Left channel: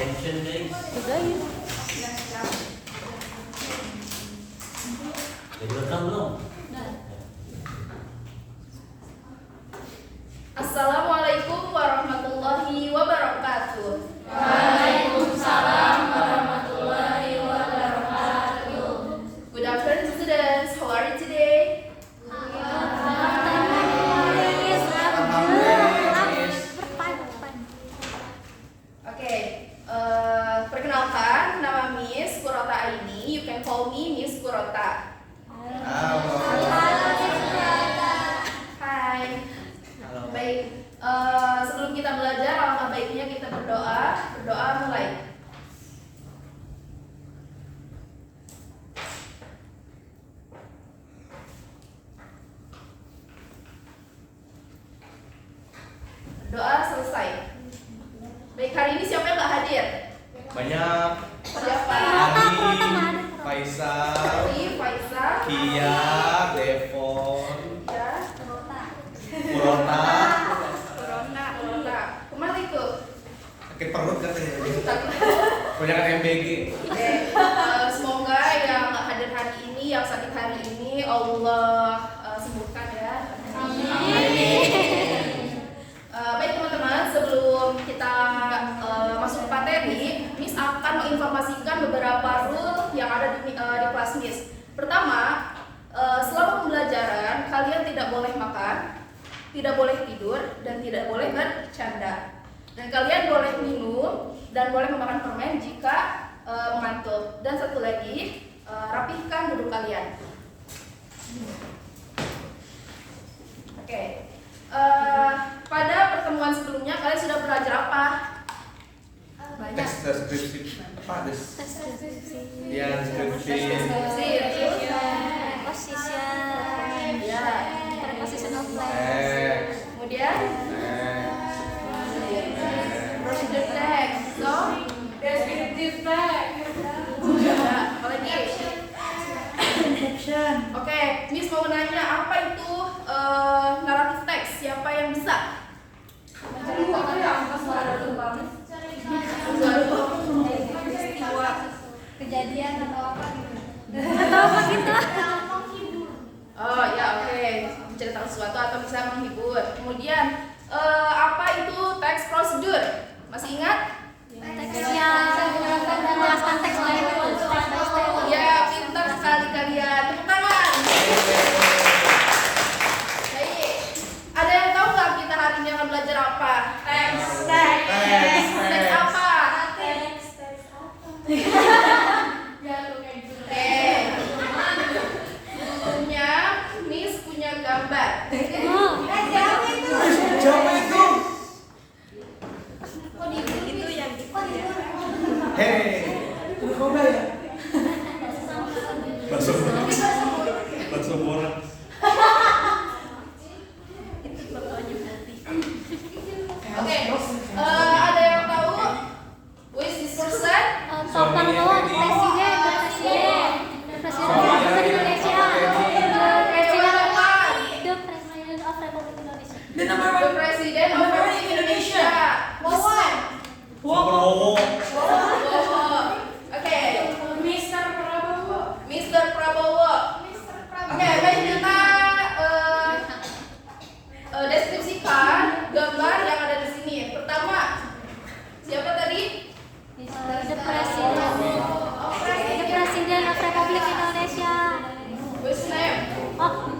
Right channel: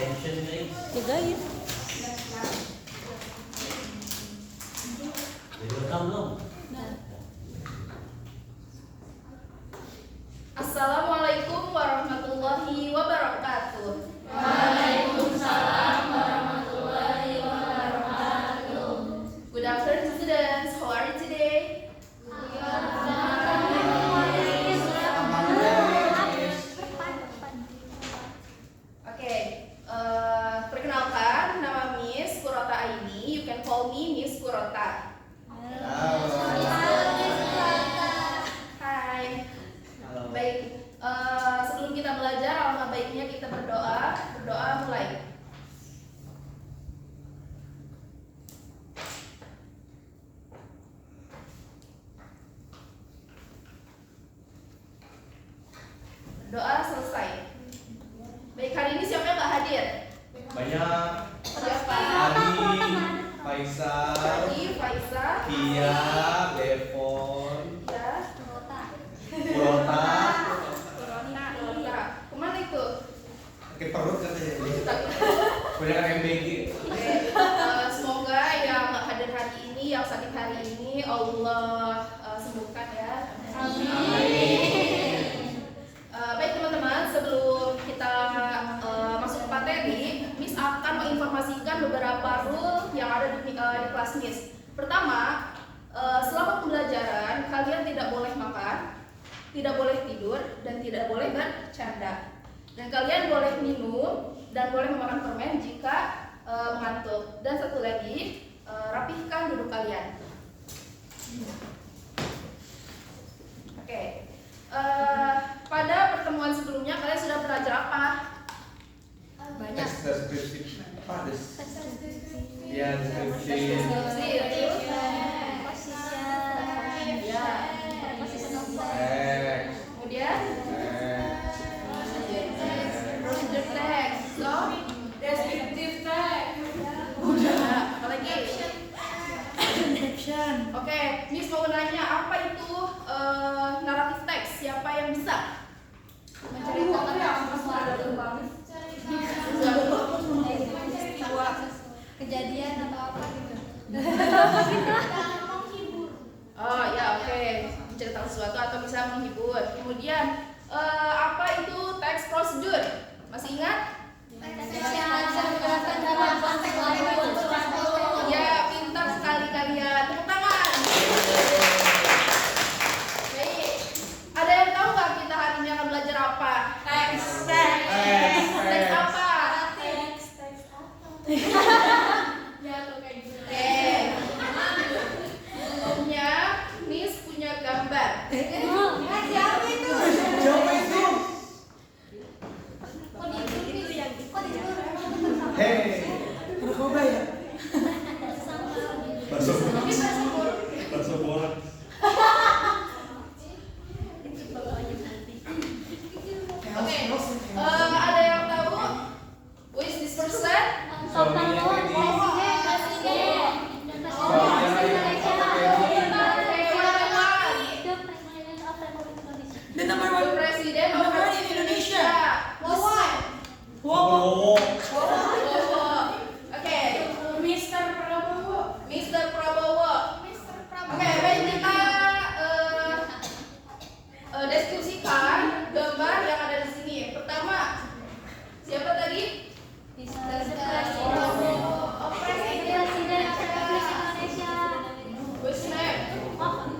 Attention please. Sudah ya. Jadi rekam belum? Assalamualaikum warahmatullahi wabarakatuh. Waalaikumsalam warahmatullahi wabarakatuh. Good afternoon, students. How are you today? Oke, perkenalkan, nama Miss Kurota Aini. You can call me Miss Kurota. Hai. Baik, sebelum kita belajar, alangkah baiknya kita berdoa. Berdoa mulai. Berdoa selesai. Baik, hari ini siapa yang nggak hadir? Banyak. Siapa? Ali, Faisal, Ali, Faisal, Kia, Devon, ya, Corona. Corona. Kemana itu? Sakit perut katanya. Sakit. Punya MBG. Oke, semoga yang nggak hadir hari ini, yang sakit hari ini, Allah sembuhkan ya. Baik teman-teman, sebelum kita masuk ke materi, Miss akan menginformasikan beberapa rule yang ada di kelas Miss. Pertama, selama pembelajaran kalian tidak boleh makan, tidak boleh tidur, dan tidak boleh bercanda. Dan kalian boleh minum dan boleh memakan permen jika mengantuk. Dan satu lagi, rapihkan duduk kalian. Oke. Pada pertemuan sebelumnya kalian sudah belajar apa? Banyak. Tes deskripsi. Apa des? Ya, deskripsi. Ya. Teks. Kemudian Teks. procedure text. So, Deskriptif teks. ya, apa lagi? Oke, Miss mau nanya apa itu naratif teks? Siapa yang bisa? Peristiwa. Kejadian atau apa gitu. Oh ya, oke, menceritakan sesuatu atau bisa menghibur. Kemudian apa itu teks prosedur? Masih ingat? Ya, pintar sekali kalian. Tepuk tangan. Baik. Ada yang tahu nggak kita hari ini akan belajar apa? Teks. Teks apa? Oke. Sebelumnya, Miss punya gambar. Jawab itu. Hei. Langsung bola. Oke. Ada yang tahu? Who is this person? Suaminya Teddy. The President of Republic Indonesia. Prabowo. Oke, Mr. Prabowo. Mr. Prabowo. Oke, baik kita deskripsikan gambar yang ada di sini. Pertama, siapa tadi? Presiden Republik Indonesia. Whose name?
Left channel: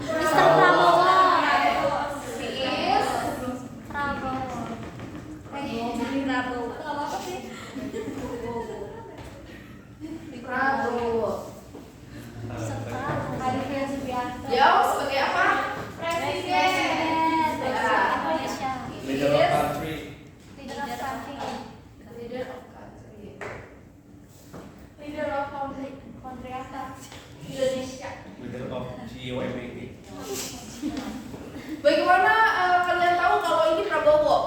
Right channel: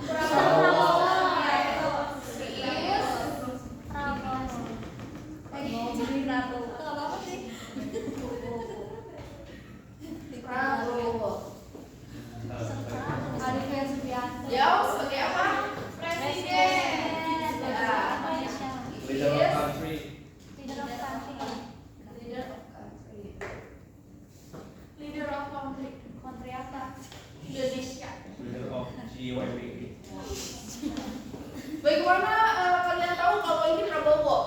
Mr. Prabowo. He is Prabowo. Dia sebagai apa? Presiden. Ya. Leader of country. Leader of country. Leader of country Indonesia. Leader of GYPG. Bagaimana kalian tahu kalau ini Prabowo?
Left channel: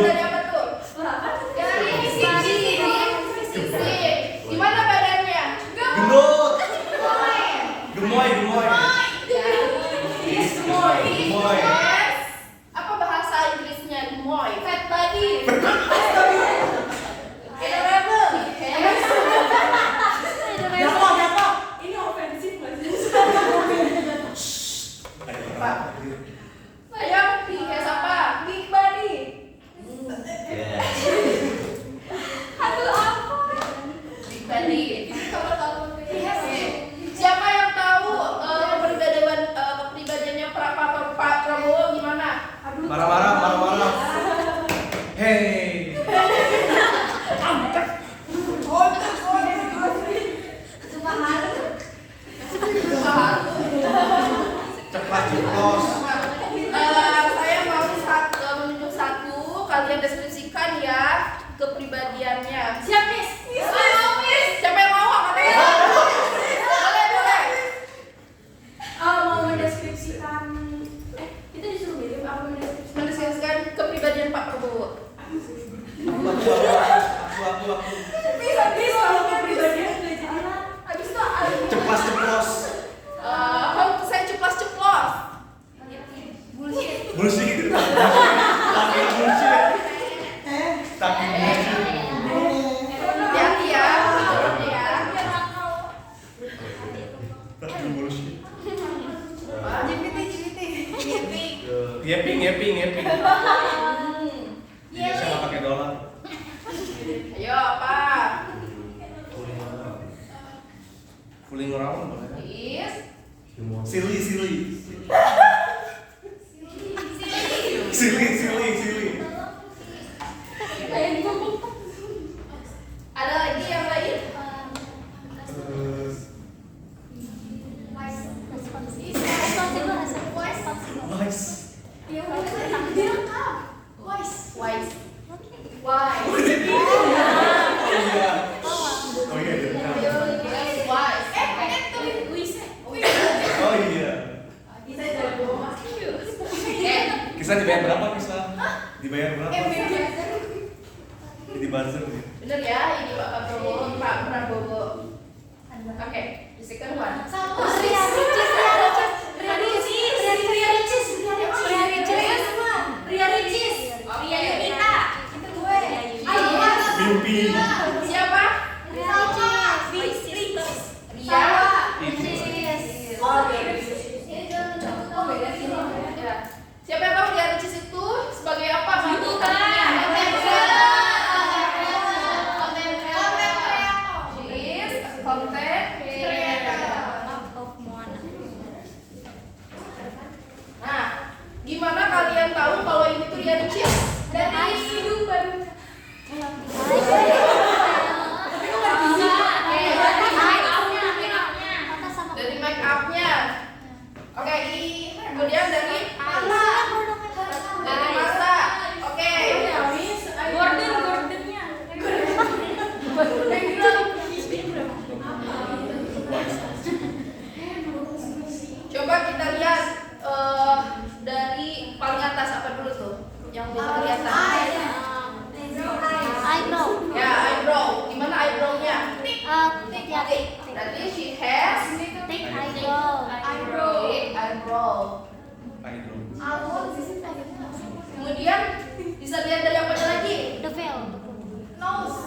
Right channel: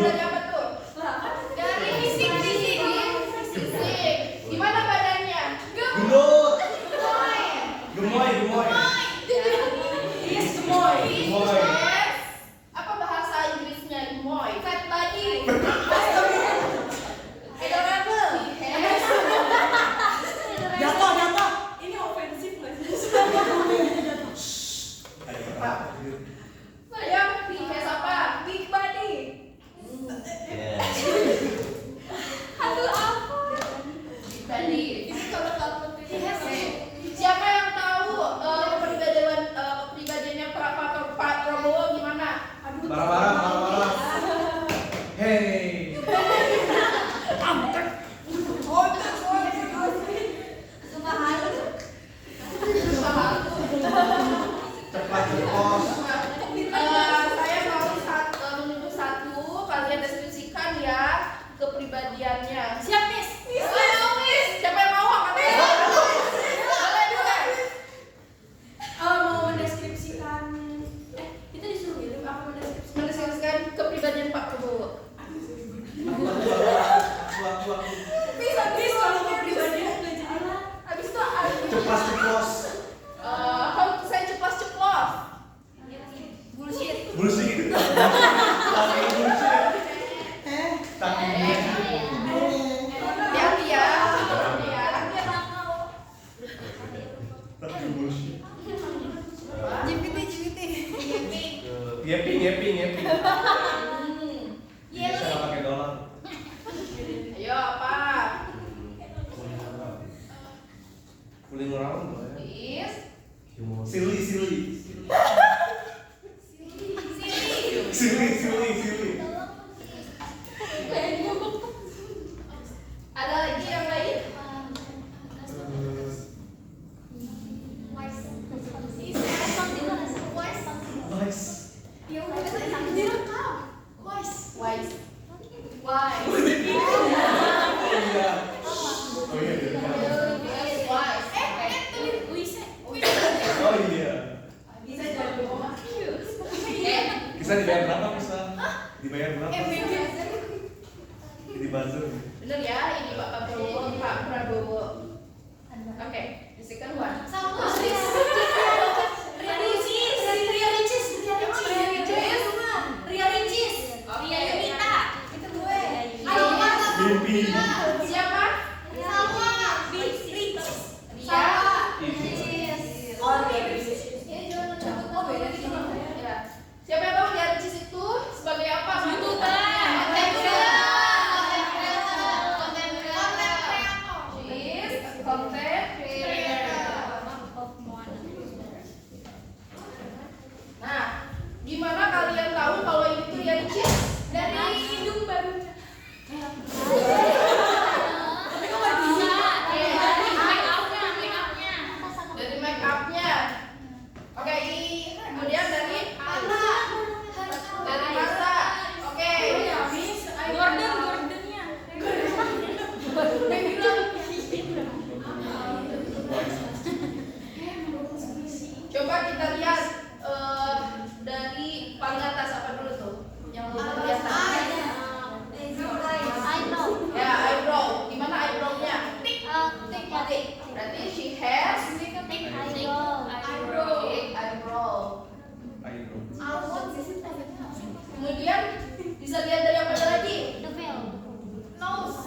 dari apa tuh? Dari sisi. Gimana badannya? Gendut. Gemoy. Gemoy. Apa bahasa Inggrisnya gemoy? Fat body. Adorable. Ini ofensif nggak sih? Saya kayak apa? Big body. Yes. Aduh apa? Big body. Siapa yang tahu kepribadiannya Pak Prabowo gimana? Marah-marah. Hey. Cepat ceplos. Saya mau menunjuk satu, kalian deskripsikan ya kepribadiannya. Siap, Miss. Siapa yang mau? Boleh. Mau mendeskripsikan. Kita disuruh milih apa mendeskripsikan? Mendeskripsikan kepribadian Pak Prabowo. Waktu. Bisa kalau kepribadian nggak jadi. Habis itu Ceplas ceplos. Saya ceplos. bullshit. Bullshit. Pakai bullshit. Tapi Hati-hati ya. tapi bullshit. Gipit. Ngeping. Indonesia nggak pakai dolar. Ayo Pak. Cooling around boleh. Is. Silly. Ada lagi yang lain? Nice. Wise. Oh iya. Oh iya. Kisah dibayar berapa kisah? Dibayar berapa? Jadi buzzer nih. Bener ya, ini Pak Prabowo. Oke, the second one. Mimpi. Siapa? Ria. Ya. Siapa yang tahu Ria Ricis itu sebagai apa? Konten Nah, gimana kalian tahu kalau ini tuh Ria Ricis? Dari hidung baru. Dari make upnya. Oke, kemudian dari masa. Oke. Gordonnya. Coba kita lihat dari paling atas apa dulu tuh? Yang belum kelihatan. Ya, eyebrow. Gimana eyebrow-nya? Oke. Berarti she has big eyebrow. Kemudian bisa lihat dari apa lagi? Nose.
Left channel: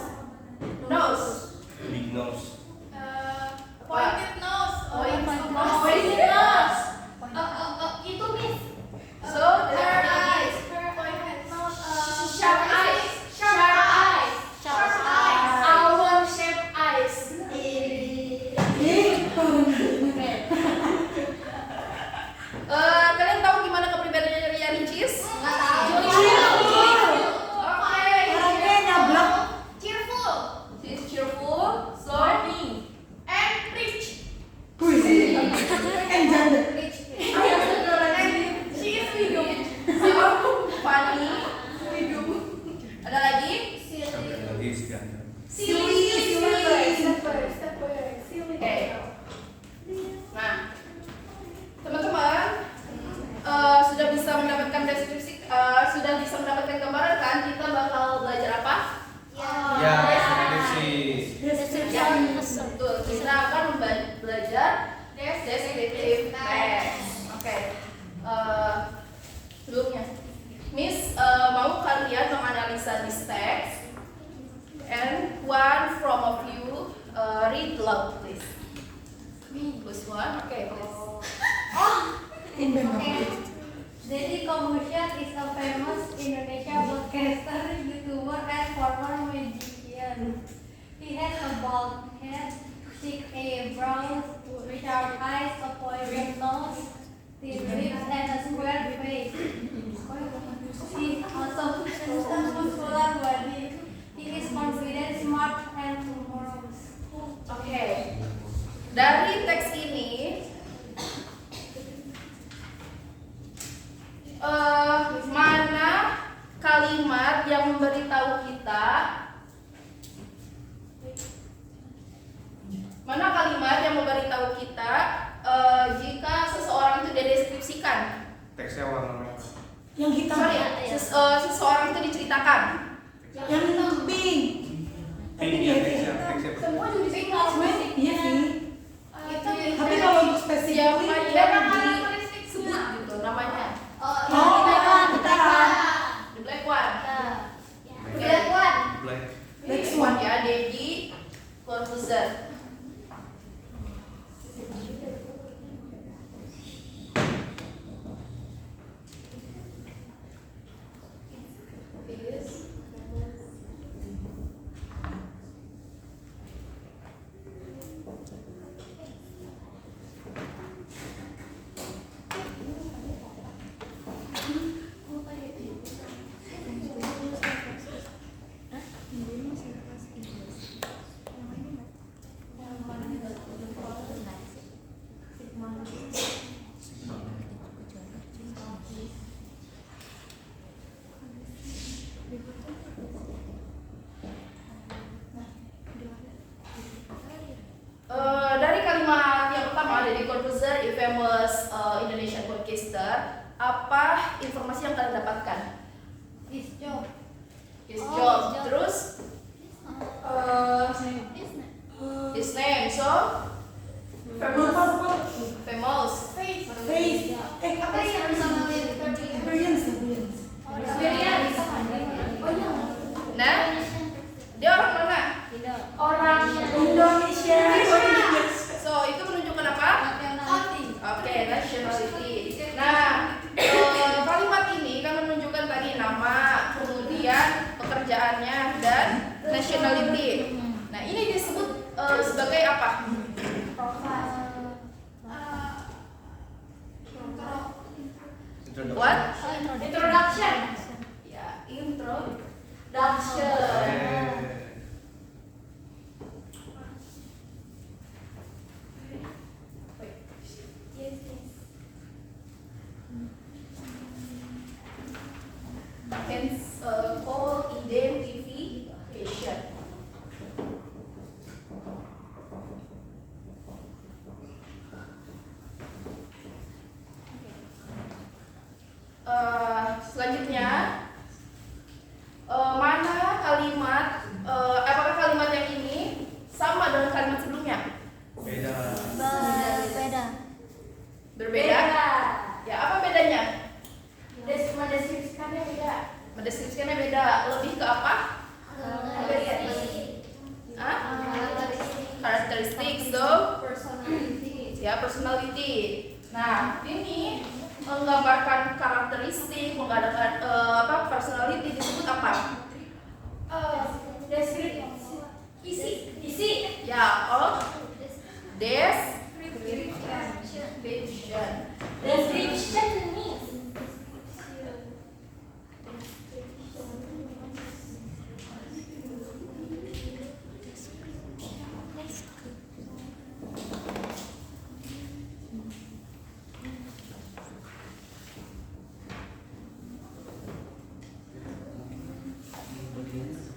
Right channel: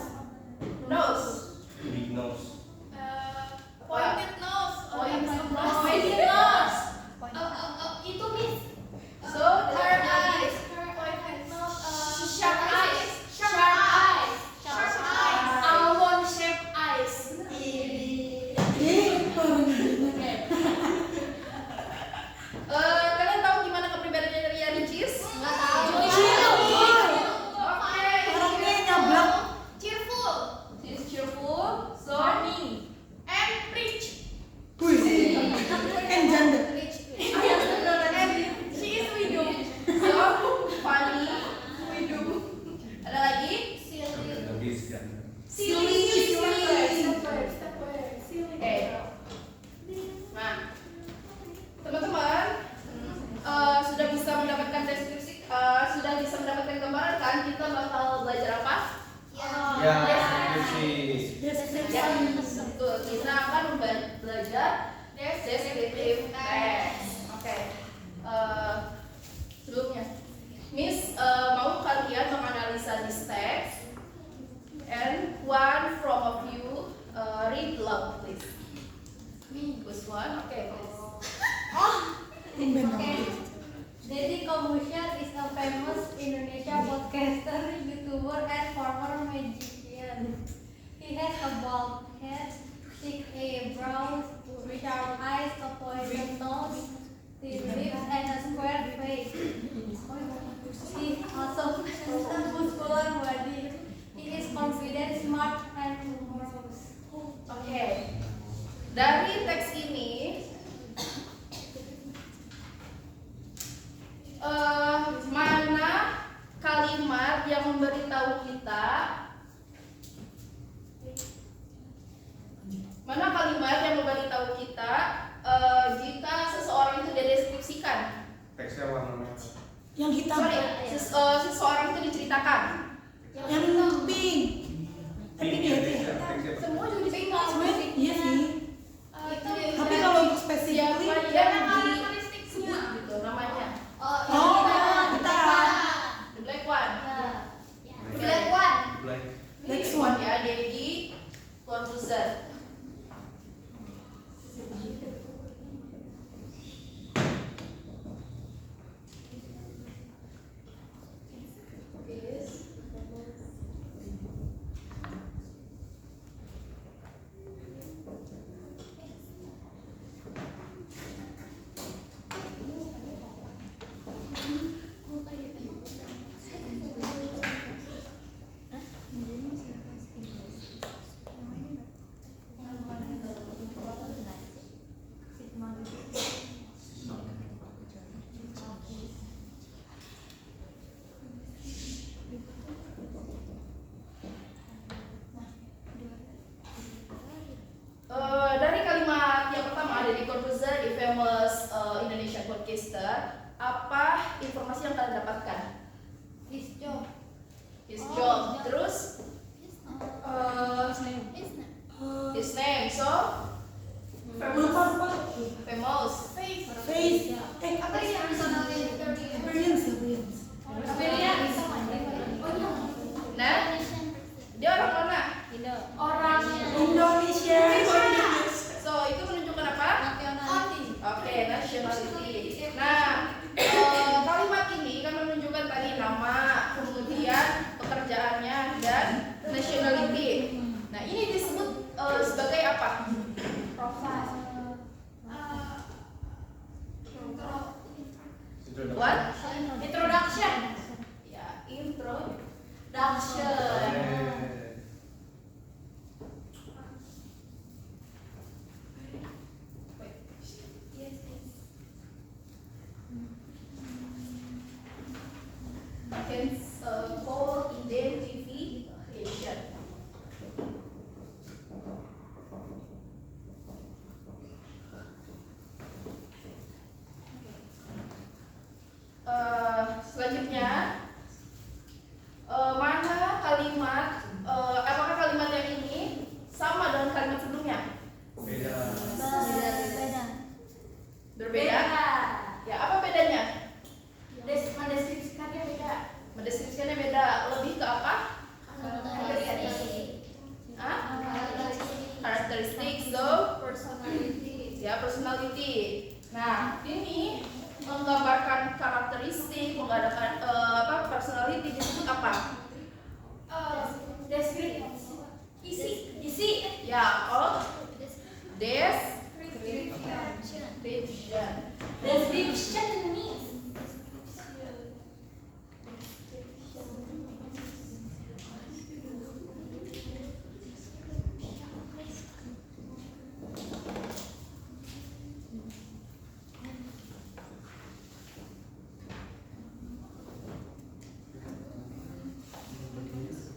Big nose. Pointed nose. So there is sharp eyes. Kalian tahu gimana kepribadiannya Ria Ricis? She's cheerful, so and rich. Rich. She is widow. So funny. Ada lagi? Lagi sekian. Silly. Oke. Nah, teman-teman sudah bisa mendapatkan deskripsi, sudah bisa mendapatkan gambaran kan Dan kita bakal belajar apa? Ya, deskripsi. Ya, betul. Kita akan belajar descriptive text. Oke. Sebelumnya, Miss mau kalian menganalisa this text, and one from of you read loud, please. Who's one? Okay. Deddy Corbuzier is a famous Indonesia podcaster, YouTuber, and former magician. He has a bald head, thick eyebrows, sharp eyes, a pointed nose, thin lips, and a square face. He also has a muscular body. He is confident, smart, and humorous. Oke. Dari teks ini mana kalimat yang memberitahu kita jika seseorang itu dideskripsikan? Teksnya warna merah. Yang hitam. Seseorang itu diceritakan. Yang pink. Pink ya, teksnya. Semua juga diceritakan. Iya sih. Tapi kalau untuk spesifik disebut gitu namanya. Oh, bentar. The black one. Black one. Black. Next one. Ya, Deddy Corbuzier. Dari kalimat yang pertama dari Corbuzier, a famous Indonesian podcaster, apa informasi yang kalian dapatkan? His job. His job. Terus his name, so Lupa. famous. Face. Apa yang Experience. Nah, dia orang mana? orang Indonesia. So itu menunjukkan apa? Oke, nationality. Nah, kalimat ini kan menunjukkan tadi nama, kemudian pekerjaannya dan nationality. Nah, ini disebut sebagai apa? What? Introduction. Ya, introduction. Hence, called identification. Selanjutnya, mana kalimat? Apakah kalimat yang ini sama dengan kalimat sebelumnya? Beda. Berbeda? Ya, apa bedanya? Mendeskripsikannya beda. Mendeskripsikannya beda. Lebih ke apa? Hah? Karakteristik, so ya personality. Nah, ini menggambarkan karakteristik, menggambarkan personality disebut apa? Deskripsi. Isi. Ya, description. means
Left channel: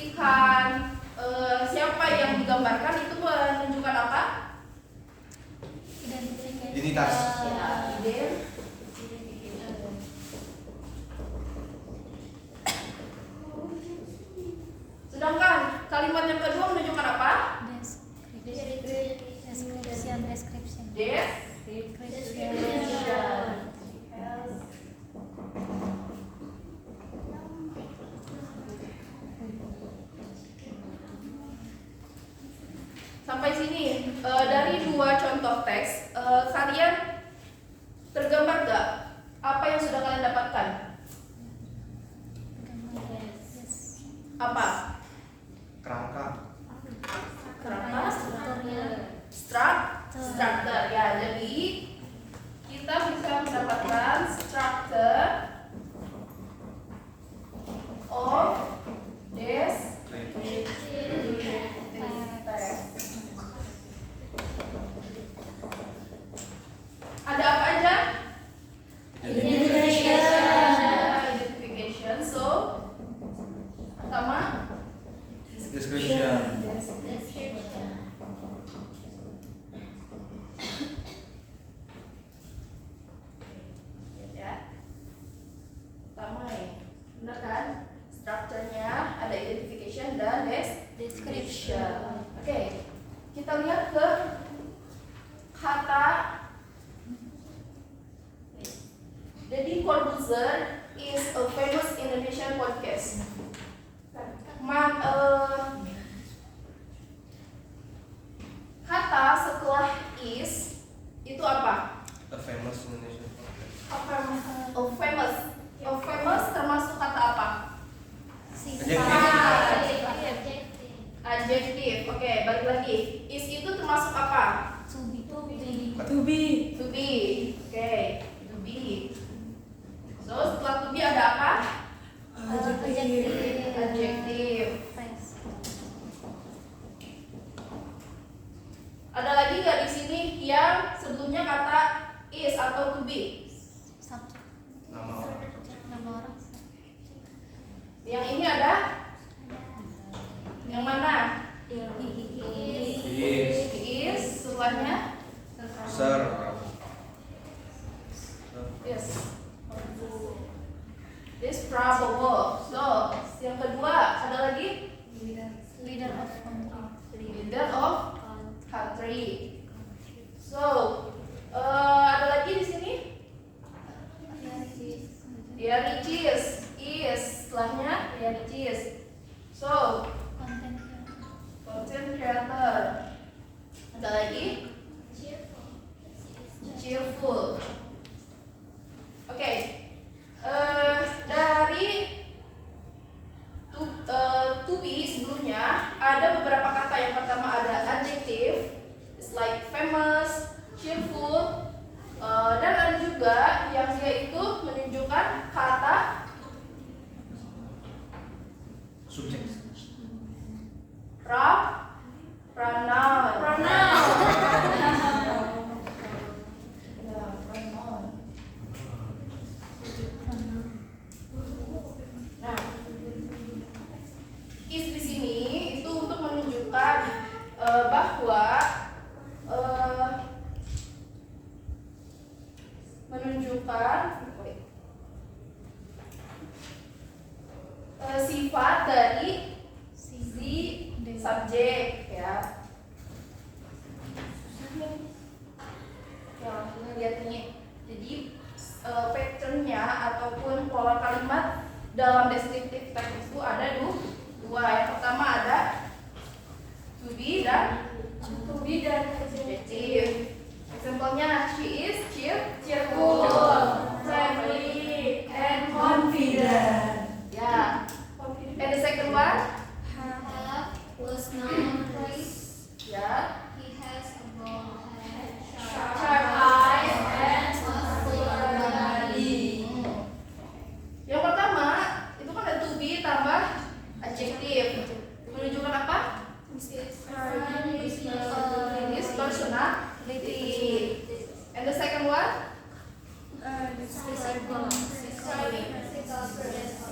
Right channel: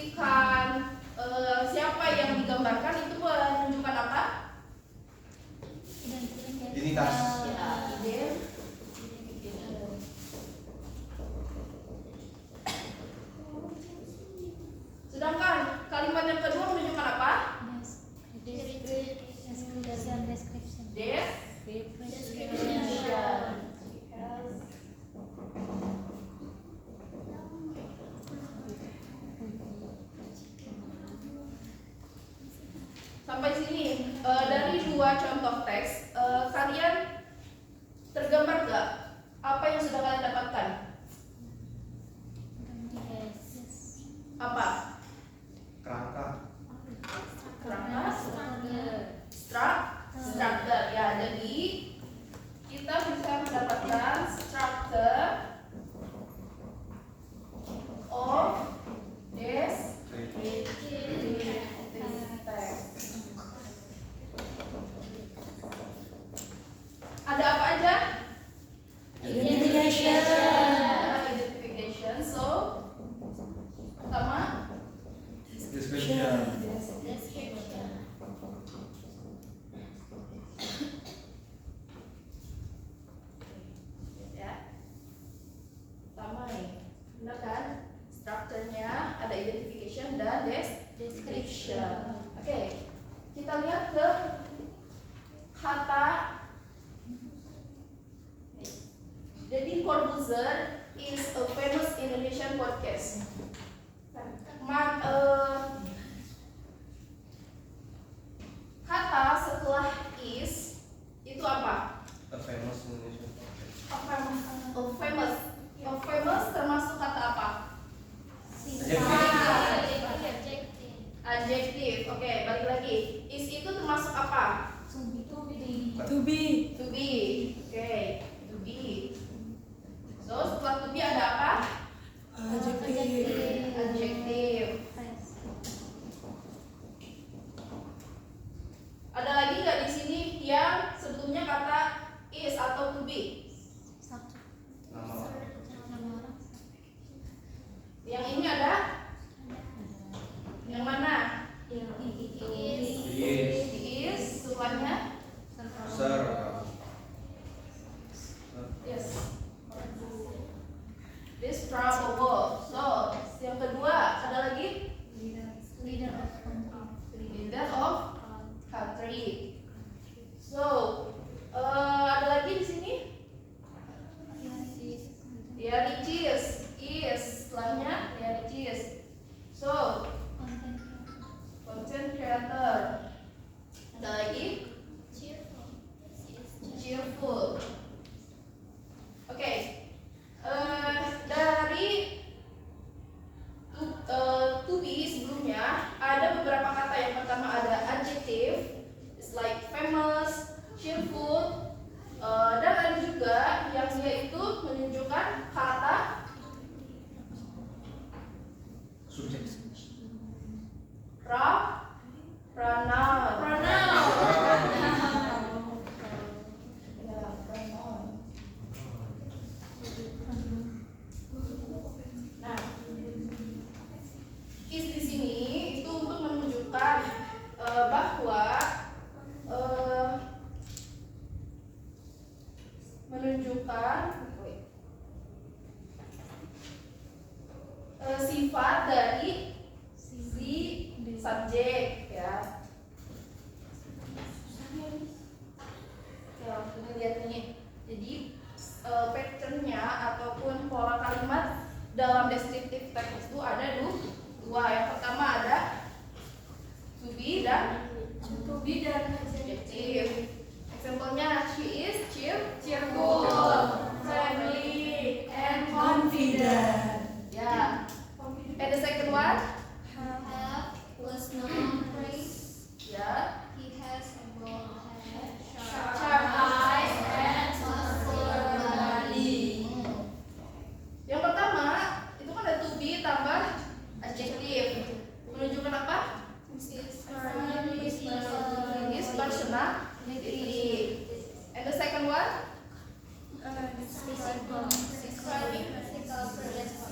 mendeskripsikan siapa yang digambarkan itu menunjukkan apa? Identitas. Ya, sedangkan kalimat yang kedua menunjukkan apa? Sampai sini dari dua contoh teks kalian tergambar gak apa yang sudah kalian dapatkan? Apa? Kerangka. Kerangka, structure ya. Jadi kita bisa mendapatkan structure of this text. Ada apa aja? Identification. So pertama Description. ya. Pertama nih, benar kan? Strukturnya ada identification dan description. Oke, kita lihat ke kata Deddy Corbuzier is a famous Indonesian podcast. Kata setelah is itu apa? A famous Indonesian. Famous termasuk kata apa? Adjective. Oke, balik lagi. Is itu termasuk apa? To be. To be. Oke, to be. So setelah to be ada apa? Adjective. Adjective. Ada lagi nggak di sini yang sebelumnya kata is atau to be? Nama orang. Yang ini ada? Yang mana? Is. Is. Setelahnya? Sir. Yes. This probable. So, yang kedua ada lagi? Leader of country. So, ada lagi di sini? Ya, riches. Is. Setelahnya ya riches. So, content creator. Ada lagi? Cheerful. Oke. Dari to be sebelumnya ada beberapa kata. Yang pertama ada adjective, it's like famous, cheerful, dan ada juga yang dia itu menunjukkan kata Subjek. pronoun. Nah, is di sini itu untuk menunjukkan bahwa sifat dari si subjek ya. Ya, langsung lihat ini. Jadi patternnya ataupun pola kalimat dalam descriptive text itu ada dua. Yang pertama ada to be dan adjective. Example-nya she is cheerful, friendly, and confident. Ya. And the second one? Was known praise. Ya. He has a bald head, Sharp eyes and muscular body. Yang pertama itu kan ada to be tambah adjective. Menunjukkan apa? This personality. And the second one? describing physical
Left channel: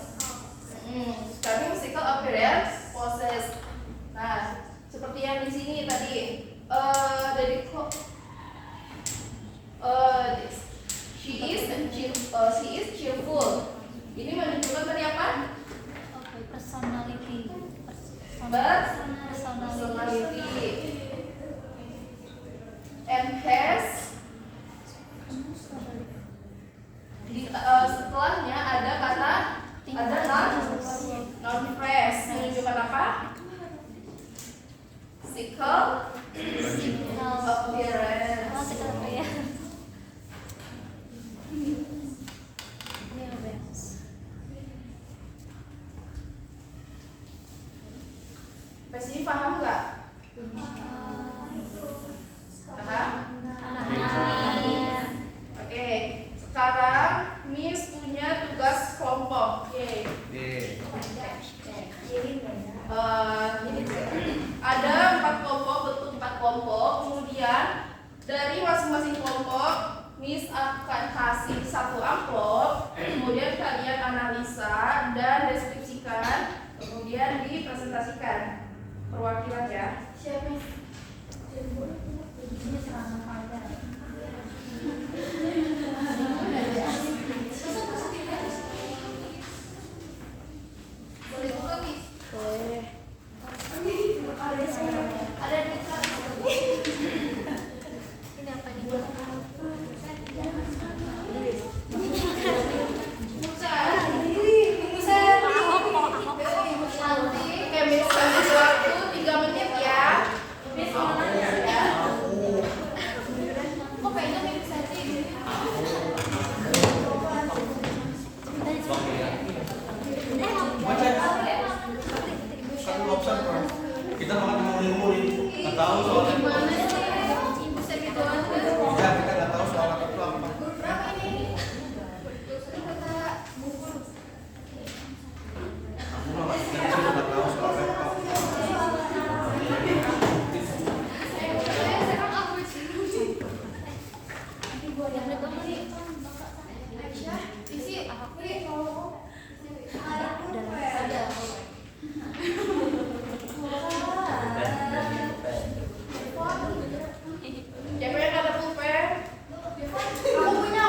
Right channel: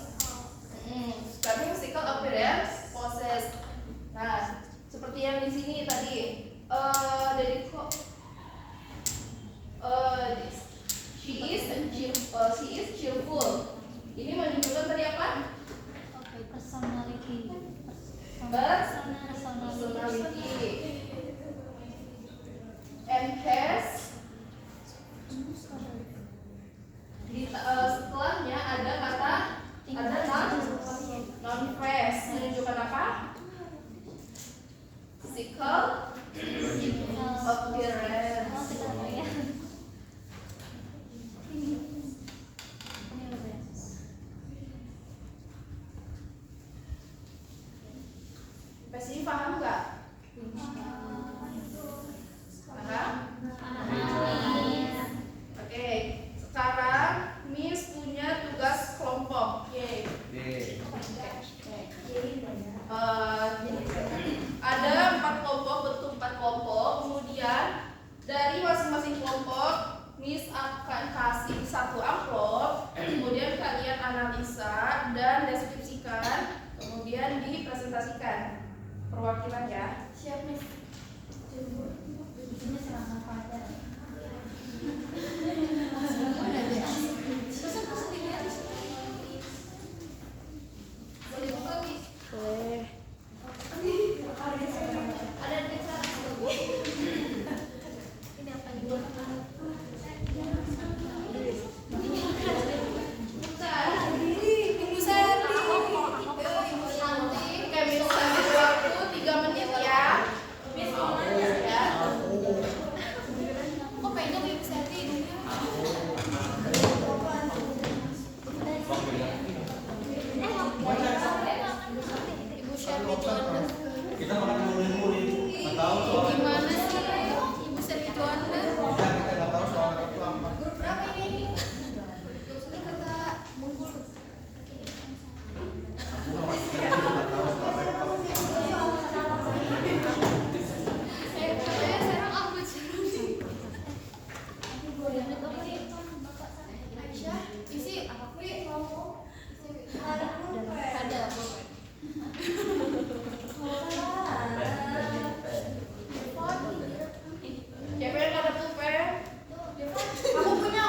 Pasti paham nggak? Paham? Oke, sekarang Miss punya tugas kelompok. Yeay. Ada 4 kelompok, bentuk 4 kelompok. Kemudian dari masing-masing kelompok, Miss akan kasih 1 amplop. Kemudian kalian analisa dan deskripsikan. Kemudian dipresentasikan perwakilan ya. Siap Miss. Boleh buka, Miss? Ada di ini apa nih? Oke, Miss kasih waktu 3 menit ya. Ya. Kok pengen nih bisa sih? Kita makan ngomongin, nggak tahu soalnya. Gimana sih? Bisa gitu aja. Kita nggak tahu soal apa. Berapa ini? Aku nggak tahu soal apa. Siapa yang ada pulpen? Aku punya.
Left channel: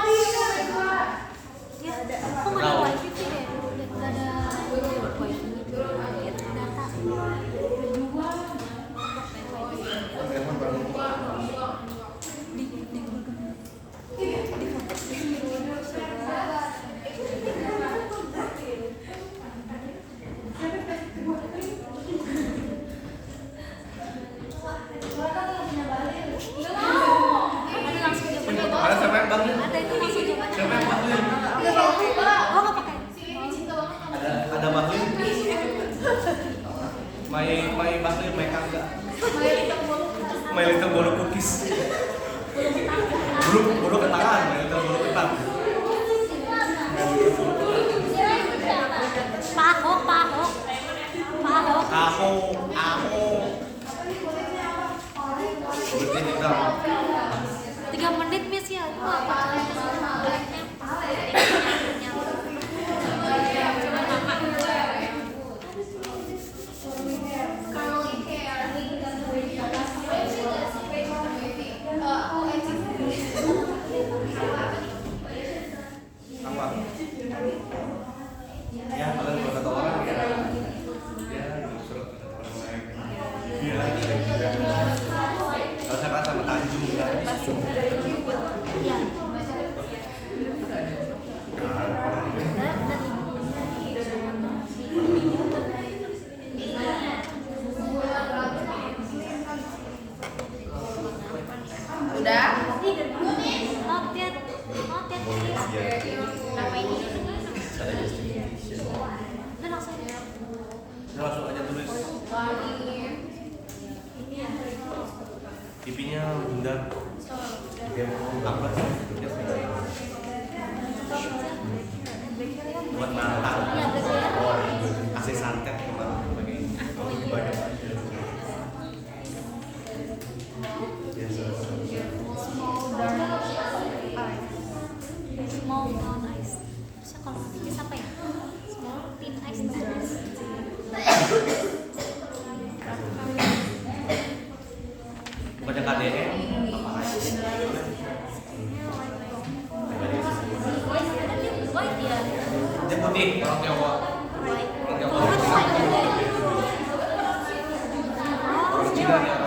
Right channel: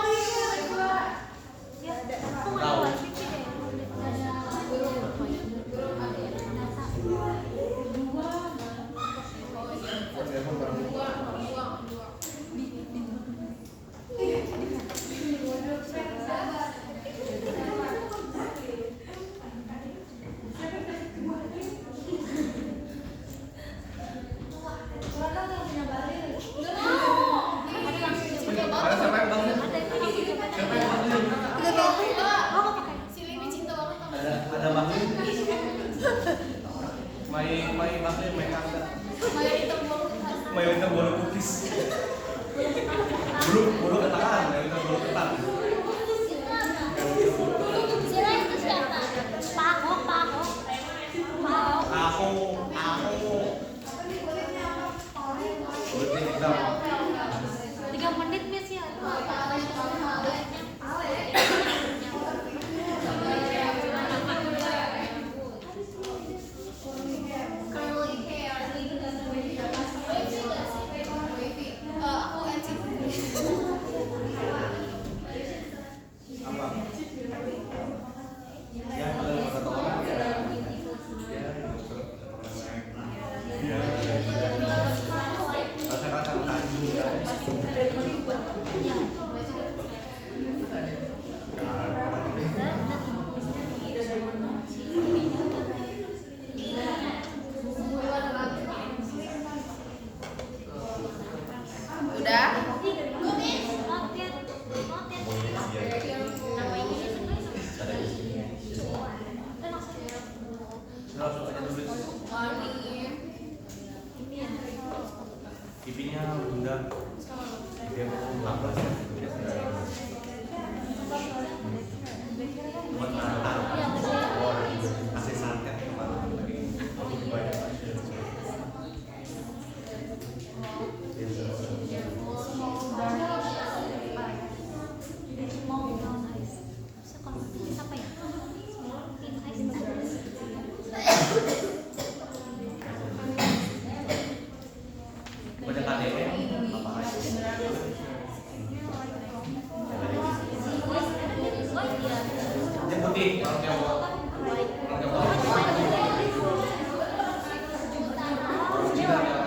Ada siapa yang bangun? Siapa yang bangun? Ada bangun? Mai bangun mereka enggak? My Little Bolo Cookies. Bulu ketangan, My Little Bolo ketan. Aku. Seperti itu. 3 menit Miss ya. Ya, pada beberapa orang ya. Ya, surat orang lain. Ya. Rasa-rasa tanjung ya. Udah? Langsung aja tulis. Pipinya bunda. Dia mau apa sih? Buat nantang. Kasih santet lagi. Baca KDM. Dia putih, orang Jawa. Orang Jawa. Orang Cina ya.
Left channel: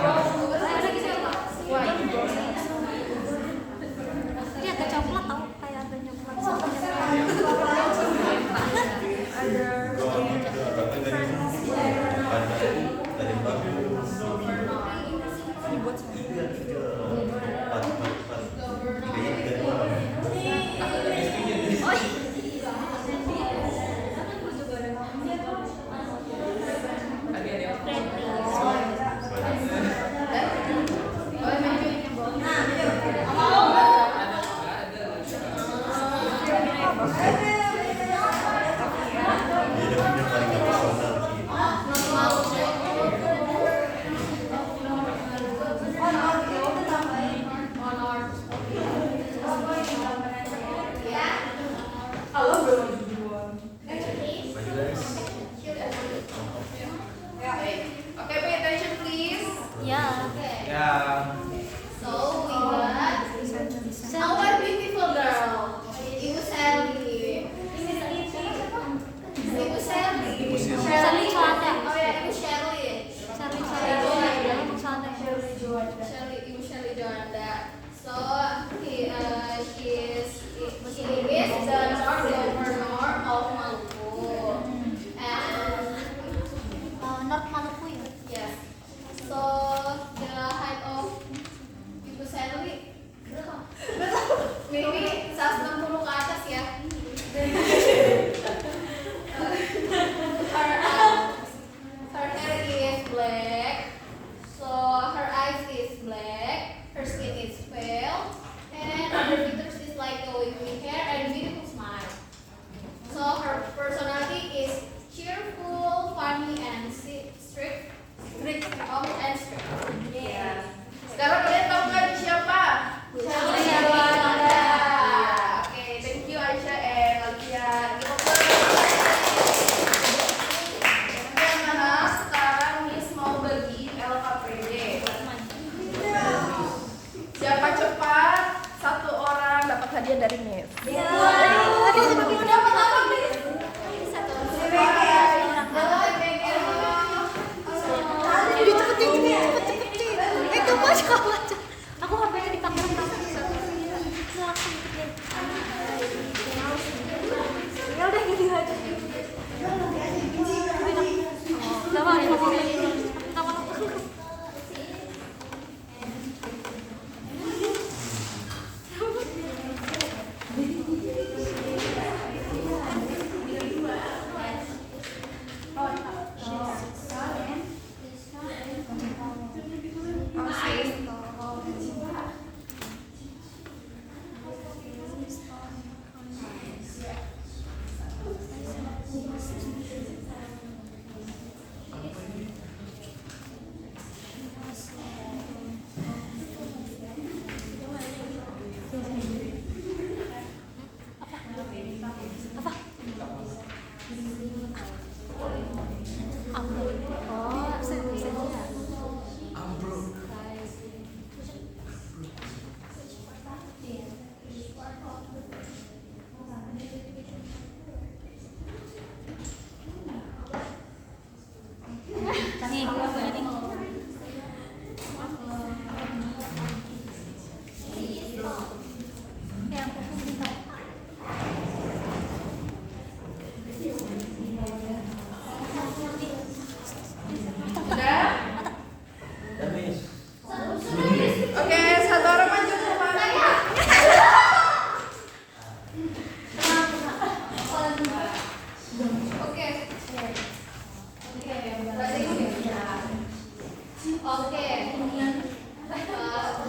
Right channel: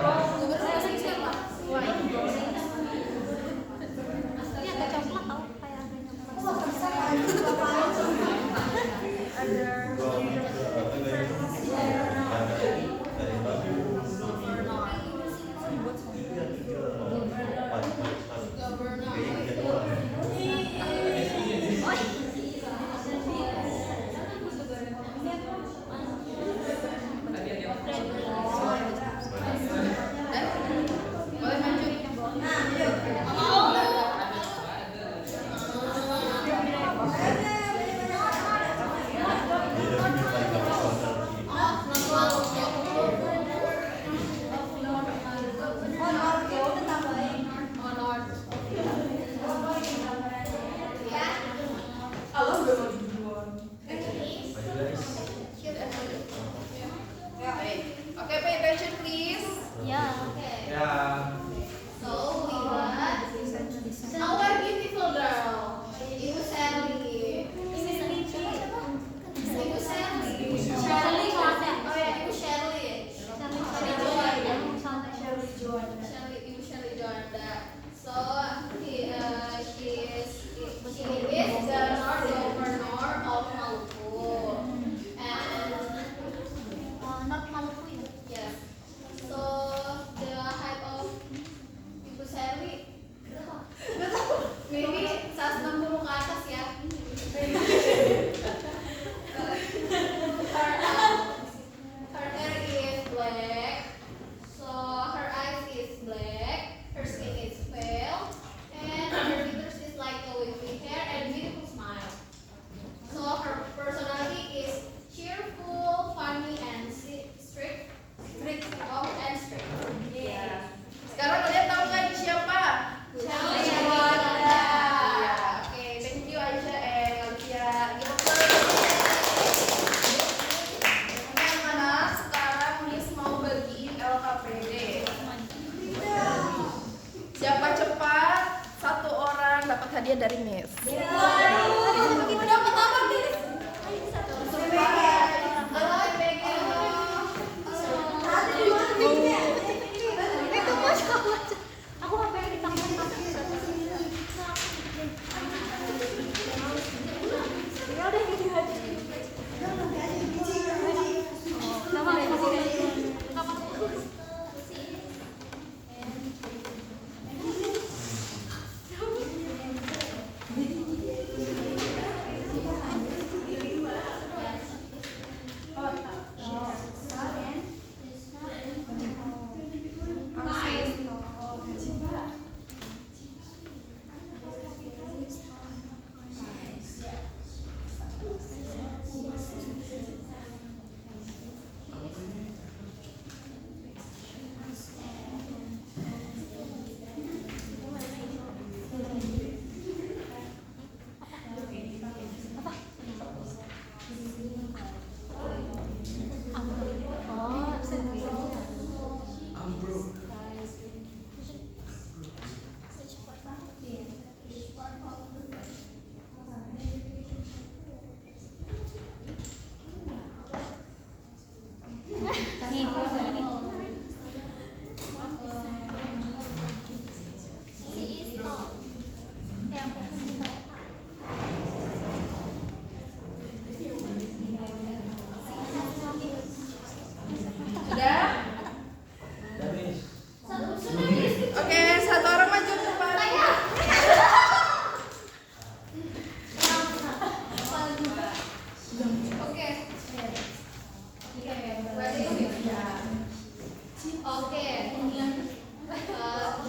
Oke.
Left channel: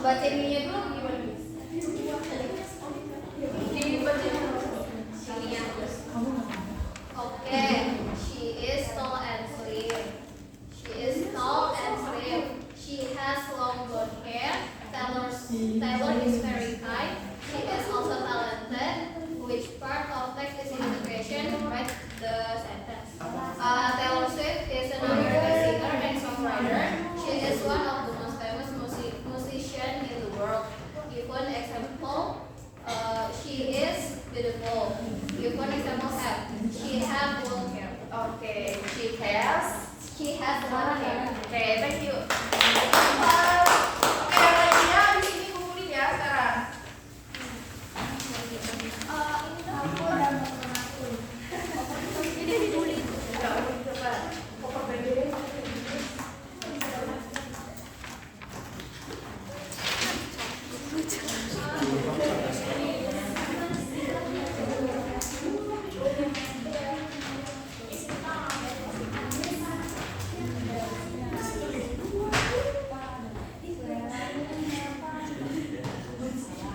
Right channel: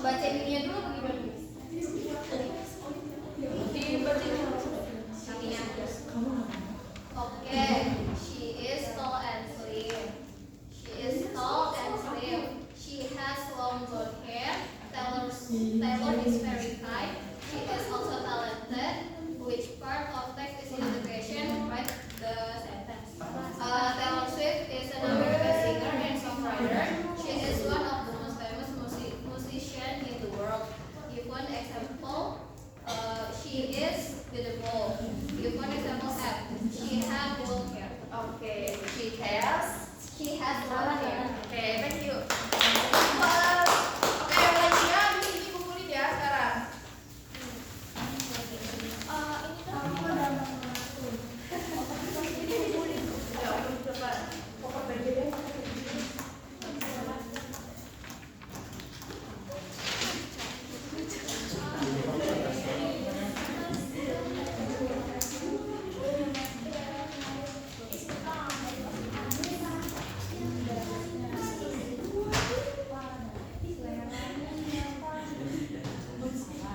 Baca ininya dulu gimana? Dibaca dulu. Ininya. Oke. She is tall and slim. She is tall and slim. She has long blonde hair. Taylor is very kind. She is also talented. Which part of text is integration? Write the sentence. Taylor Swift is an American singer and songwriter. She is one of the most famous musicians in the world. Give one example. She is beautiful. Give one example. F. She has long hair. Oke, She has long hair. Oke, thank you. Oke, lainnya di sini kumpulin ya sekarang.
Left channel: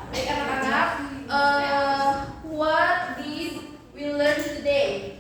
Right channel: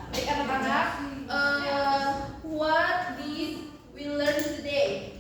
Baik anak-anak, what did we learn today?